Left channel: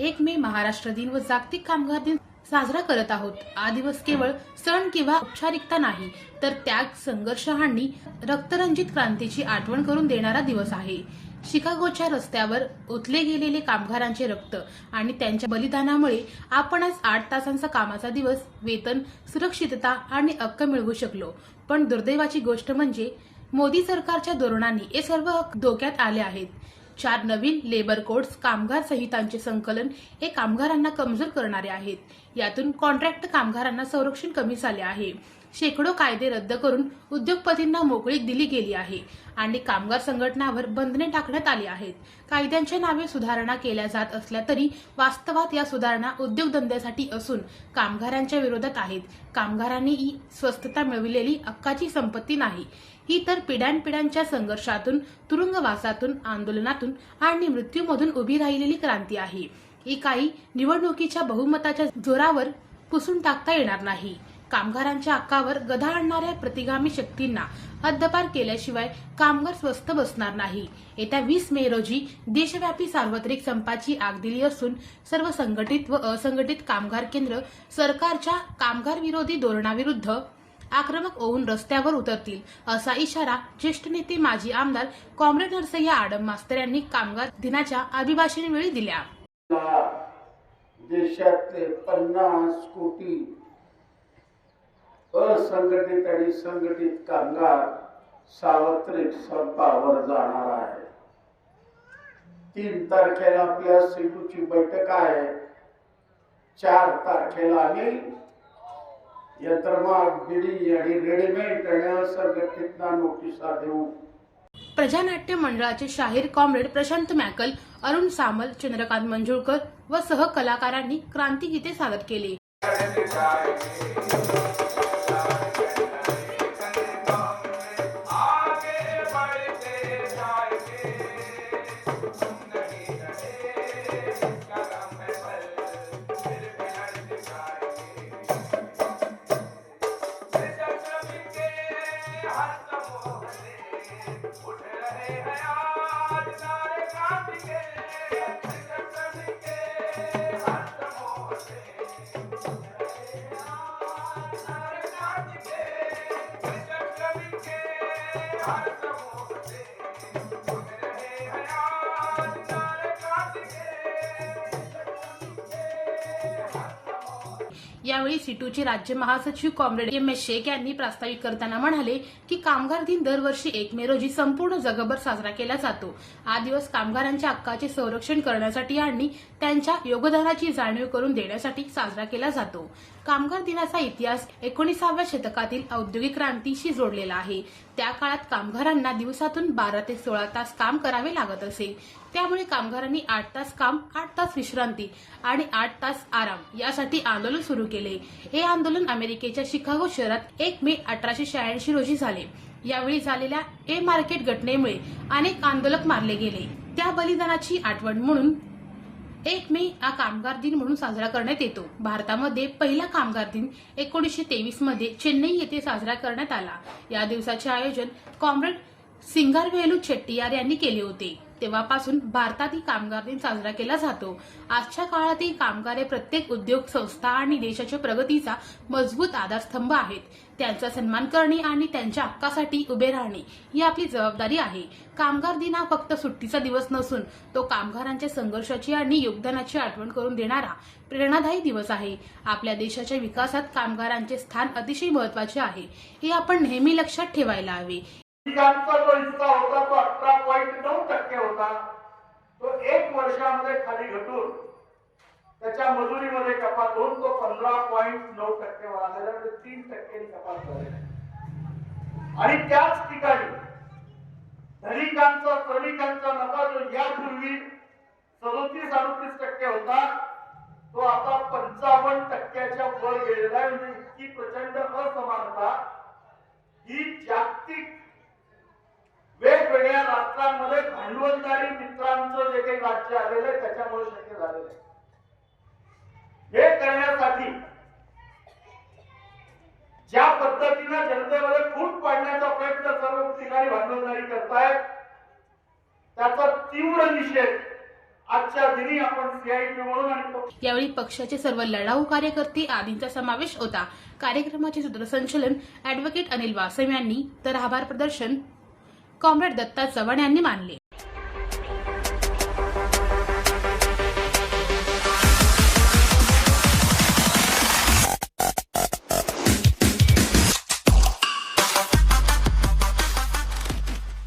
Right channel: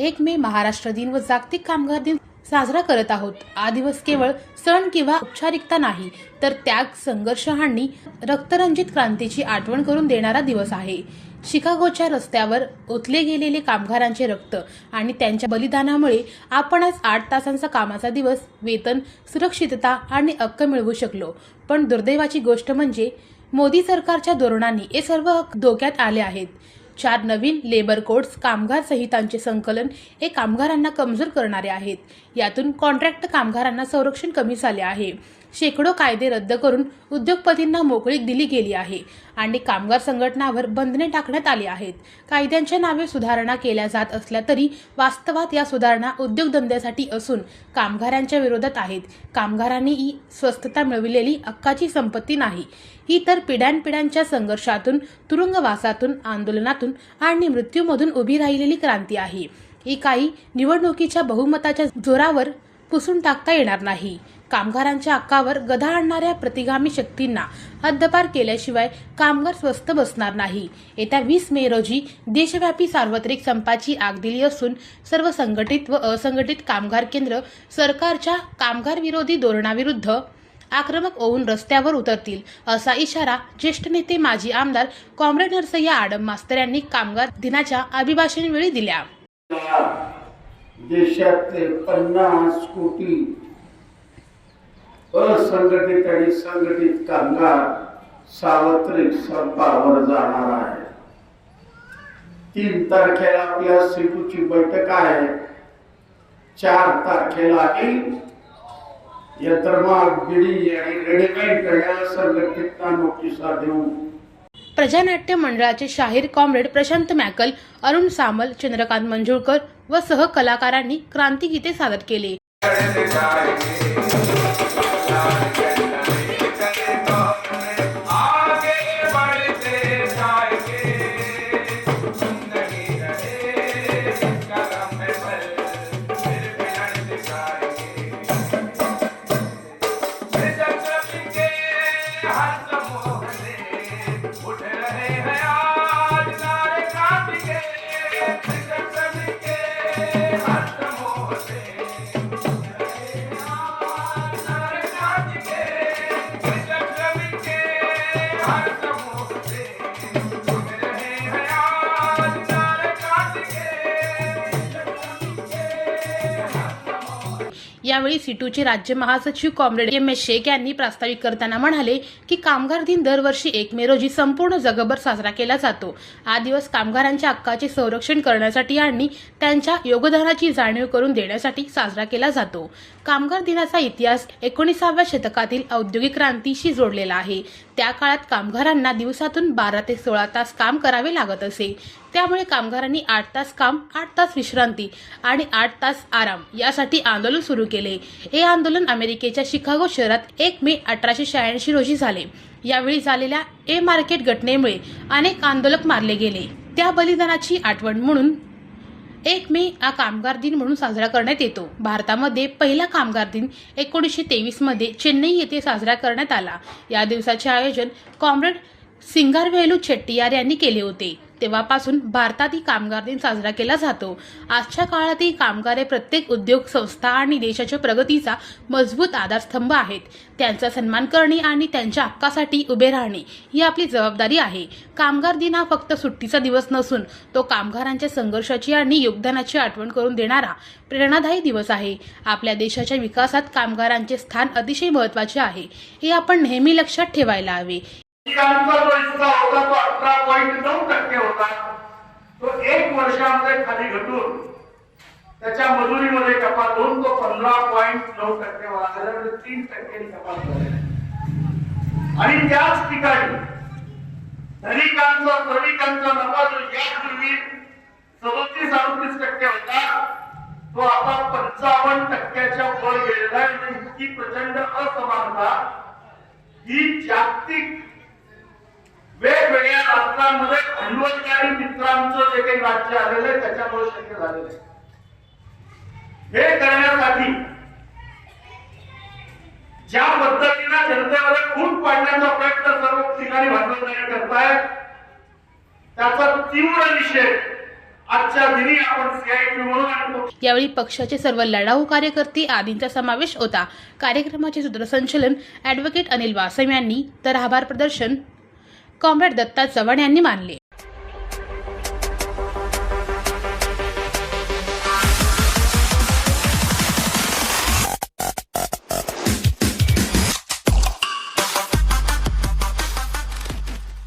महाराष्ट्र दिन व जागतिक कामगार दिन साजरा करत आहोत. हा दिवस केवळ सण किंवा औपचारिकता नाही तर त्याग संघर्ष आणि रक्तरंजित क्रांतीची आठवण करून देणारा दिवस आहे. शिकागोच्या रस्त्यावर ओतले गेलेले कामगारांचे रक्त आणि त्यांच्या बलिदानामुळे आपण आज आठ तासांचा कामाचा दिवस वेतन सुरक्षितता आणि हक्क मिळवू शकलो. पण दुर्दैवाची गोष्ट म्हणजे मोदी सरकारच्या धोरणांनी हे सर्व हक्क धोक्यात आले आहेत. चार नवीन लेबर कोड्स कामगार संहितांचे संकलन हे कामगारांना कमजोर करणारे आहेत. यातून कॉन्ट्रॅक्ट कामगारांना संरक्षण कमी झाले आहे. शेकडो कायदे रद्द करून उद्योगपतींना मोकळीक दिली गेली आहे आणि कामगार संघटनावर बंधने टाकण्यात आली आहेत. कायद्यांच्या नावे सुधारणा केल्या जात असल्या तरी वास्तवात या सुधारणा उद्योगधंद्यासाठी असून कामगारांच्या विरोधात आहेत. कामगारांनी ही स्वस्थता मिळविलेली हक्काची संपत्ती नाही. ही तर पिढ्यानपिढ्यांच्या संघर्षातून तुरुंगवासातून आंदोलनातून आणि मृत्यूमधून उभी राहिलेली क्रांती आहे. ही काही निवडणुकीच्या बहुमताच्या जोरावर पुसून टाकता येणार नाही. कामगारांच्या हक्कावर गदा आणणाऱ्या प्रतिगामी शक्तींना हद्दपार केल्याशिवाय कामगार स्वस्त बसणार नाही. येत्या वीस मे रोजी देशव्यापी सार्वत्रिक संपाची आग दिली असून सर्व संघटित व असंघटित कामगार केंद्र सरकारच्या कामगार विरोधी धोरणाविरुद्ध आक्रमक होऊन रस्त्यावर उतरतील असा इशारा ज्येष्ठ नेते माजी आमदार कॉम्रेड नरसय्या आडम मास्तर यांनी कामगार दिनाच्या अभिभाषणवेळी दिल्या. देशातले पन्नास कोटी असंघटित आणि संघटित कामगार सार्वत्रिक संपावर जाणार आहे. तीन तारखेला आपल्या सेतूची बैठक आहे. चार तारखेला आम्ही यंत्रमाग बिडी आणि रेडीमेड आणि संघटितना नोटिसा देऊ. प्रजानाट्य मंडळाचे शाहीर कॉम्रेड प्रशांत मॅकल अरुण सामल चंद्रकांत मंजुळकर व सहकलाकारांनी क्रांतिगीते सादर केले. baby. यावेळी सिटूचे राज्य महासचिव कॉम्रेड एम एस शेख यांनी प्रास्ताविक करताना म्हणाले की कामगार दिन दरवर्षी एक मे रोजी संपूर्ण जगभर साजरा केला जातो. हा दिवस कामगारांच्या हक्काचे संरक्षण करण्यासाठी आणि त्यांच्या योगदानाची जाणीव करून देण्यासाठी साजरा केला जातो. कामगार दिनाचा इतिहास एकोणीसाव्या शतकातील औद्योगिक क्रांतीशी जोडलेला आहे. त्या काळात कामगारांना दिवसातून बारा ते सोळा तास काम करावे लागत असे. त्यामुळे कामगारांनी आठ तास काम आठ तास विश्रांती आणि आठ तास आराम यासाठी आंदोलन सुरू केले. हे आंदोलन अमेरिकेच्या शिकागो शहरात एक मे अठराशे शहाऐंशी रोजी झाले. यावेळी झालेल्या ए मार्केट घटनेमुळे अनेक आंदोलक मारले गेले. त्या बलिदानाची आठवण म्हणून एक मे हा कामगार दिन म्हणून साजरा करण्यात येतो. भारतामध्ये पहिला कामगार दिन एकोणीसशे तेवीसमध्ये चेन्नई येथे साजरा करण्यात आला. या दिवसाचे आयोजन कॉम्रेड सिंगारवेलू चेट्टियार यांनी केले होते. तेव्हापासून भारतात ही कामगार दिन साजरा केला जातो. आजच्या काळातही कामगार हे प्रत्येक उद्योग संस्था आणि देशाच्या प्रगतीचा मजबूत आधारस्तंभ आहेत. त्यांचा सन्मान करणे आणि त्यांच्या हक्कासाठी उभे राहणे ही आपली जबाबदारी आहे. कामगार दिन हा फक्त सुट्टीचा दिवस नसून तो कामगारांच्या संघर्षाची आणि योगदानाची आठवण करून देणारा प्रेरणादायी दिवस आहे. आपल्या देशाच्या विकासात कामगारांचे स्थान अतिशय महत्त्वाचे आहे. हे आपण नेहमी लक्षात ठेवायला हवे. ठिकाणचा जो हिस्सा होता तो अठरा पॉईंट नऊ टक्के होता. तो एक वर्षामध्ये खाली घटून त्याच्या मजुरीमध्ये कपात होऊन तो पंधरा पॉईंट नऊ टक्के वाढलेला म्हणजे तीन टक्क्यांनी कपात झालेला आणि त्याच ठिकाणी धनिकांचा श्रमिकांचा नफा जो यापूर्वी सदोतीस अडतीस टक्के होता तो आता पंचावन्न टक्क्याच्या वर गेलेला आहे. म्हणजे इतकी प्रचंड असमानता ही जागतिक वेगवेगळ्या राष्ट्रांमध्ये भांडवलकारी मित्रांचं जे काही राज्य आलेलं आहे त्याच्यामुळे शक्य झालेलं आहे. हे करण्यासाठी ज्या पद्धतीनं जनतेमध्ये फूट पाडण्याचा प्रयत्न सर्व ठिकाणी भांडवलदारी करतायत त्याचा तीव्र निषेध यावेळी पक्षाचे सर्व लढाऊ कार्यकर्ते आदींचा समावेश होता. कार्यक्रमाचे सूत्रसंचलन ॲडव्होकेट अनिल वासम यांनी. तर आभार प्रदर्शन कॉम्रेड दत्ता चव्हाण यांनी मानले.